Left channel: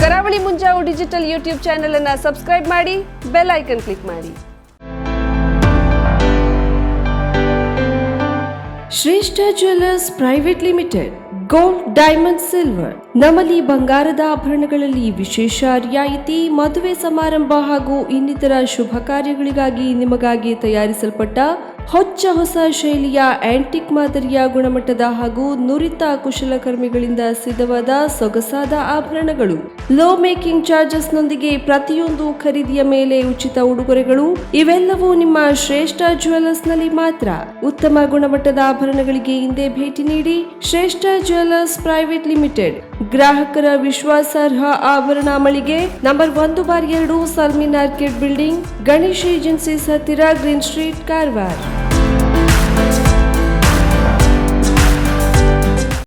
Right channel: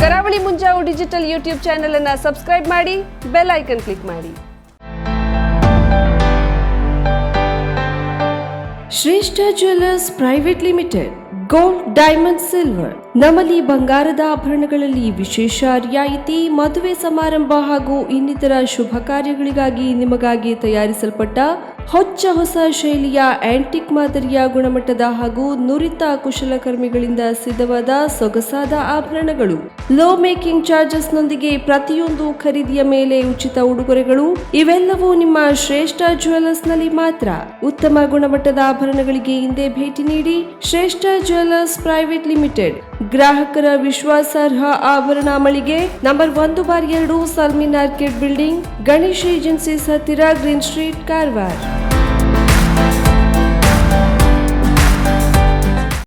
ಕರಾವಳಿ ಮುಂಜಾವು digital YouTube channel ಅನ್ನು subscribe ಮಾಡಿ, ಬೆಲ್ ಐಕನ್ ಕ್ಲಿಕ್ ಮಾಡಿ. ಶ್ರೇಷ್ಠ jewellers private limited, gold, diamond, silver. ನಮ್ಮಲ್ಲಿ ಬಂಗಾರದ ಆಭರಣಗಳಲ್ಲಿ ವಿಶೇಷ ರಿಯಾಯಿತಿ. ಮದುವೆ ಸಮಾರಂಭ ಹಾಗೂ ಇನ್ನಿತರ ಶುಭ ಕಾರ್ಯಗಳಿಗಾಗಿ ನಿಮಗಾಗಿ ತಯಾರಿಸಲ್ಪಟ್ಟ ಹೊಸ ಶೈಲಿಯ ಆಂಟಿಕ್ ಮಾದರಿಯ ಗುಣಮಟ್ಟದ ಹಾಗೂ ನುರಿತ ಕುಶಲಕರ್ಮಿಗಳಿಂದ ಸಿದ್ಧವಾದ ಸೊಗಸಾದ ಆಭರಣಗಳು. ಲೋ ಮೇಕಿಂಗ್ ಚಾರ್ಜಸ್ ನೊಂದಿಗೆ ಪ್ರತಿಯೊಂದು ಖರೀದಿಯ ಮೇಲೆ ಉಚಿತ ಉಡುಗೊರೆಗಳು. ಇವೆಲ್ಲವೂ ನಿಮ್ಮ ಶ್ರೇಷ್ಠ ಜ್ಯುವೆಲ್ಲರ್ಸ್ ನಲ್ಲಿ ಮಾತ್ರ. ಉತ್ತಮ ಗುಣಮಟ್ಟದ ಆಭರಣಗಳಿಗೆ ಹಿಂದೆ ಭೇಟಿ ನೀಡಿ. ಶ್ರೇಷ್ಠ ಜ್ಯುವೆಲ್ಲರ್ಸ್ ಪ್ರೈವೇಟ್ ಲಿಮಿಟೆಡ್, ಗ್ರಾಹಕರ ವಿಶ್ವಾಸಾರ್ಹ ಆಭರಣ ಮಳಿಗೆ, number 1/2 ಸಲ್ಮಿನ್ orchid building, Ganesh agencies ಹತ್ತಿರ, ಗ್ರೀನ್ ಸ್ಟ್ರೀಟ್, ಕಾರವಾರ.